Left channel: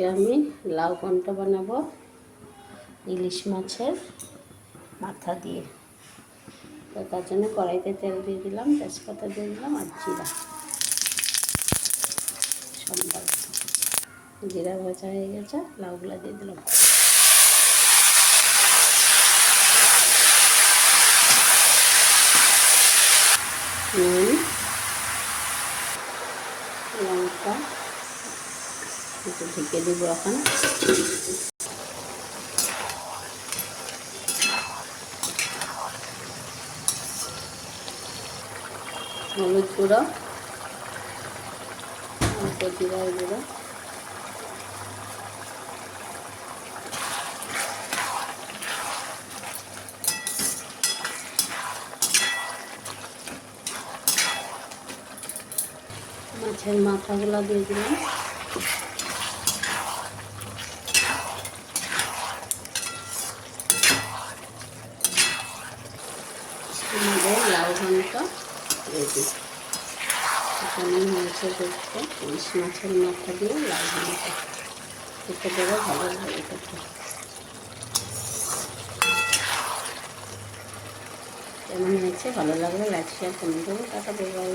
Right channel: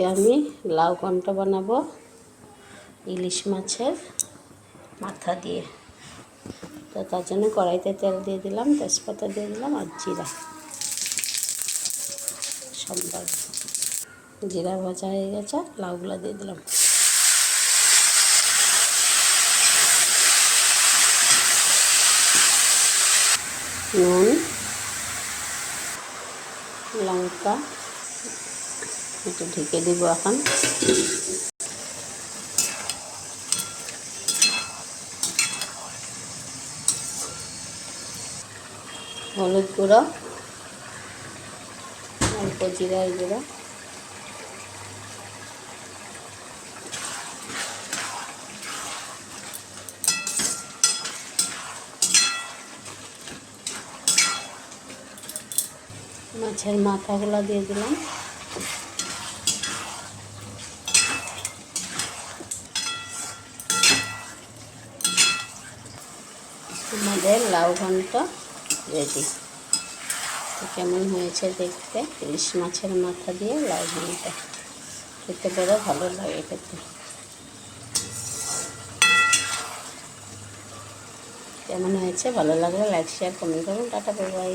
আজকে আমি লাউ ঘন্ট বানাবো ইলিশ মাছের মাথা দিয়ে। তো তার জন্য কড়াইতে তেল দিয়ে দিলাম, তেজপাতা দিয়ে দিলাম আর জিরা। সম্বার জিরা ভাজা হয়ে গেছে, লাউগুলো দিয়ে দিলাম। নুন, লঙ্কা একটু ঢেকে দিব এখন। হলুদ গুঁড়ো, অল্প জিরার গুঁড়ো, মাছের মাথাগুলো দিয়ে দিলাম। আমাদের লাউ ঘন্ট রেডি। কেমন হয়েছে দেখতে, ইলিশ মাছের মাথা দিয়ে লাউ ঘন্ট। খেতে পরে ভালো লাগে খেতে। কেমন হয়েছে ভালো লাগলে লাইক শেয়ার কমেন্ট করুন। Tata, bye bye.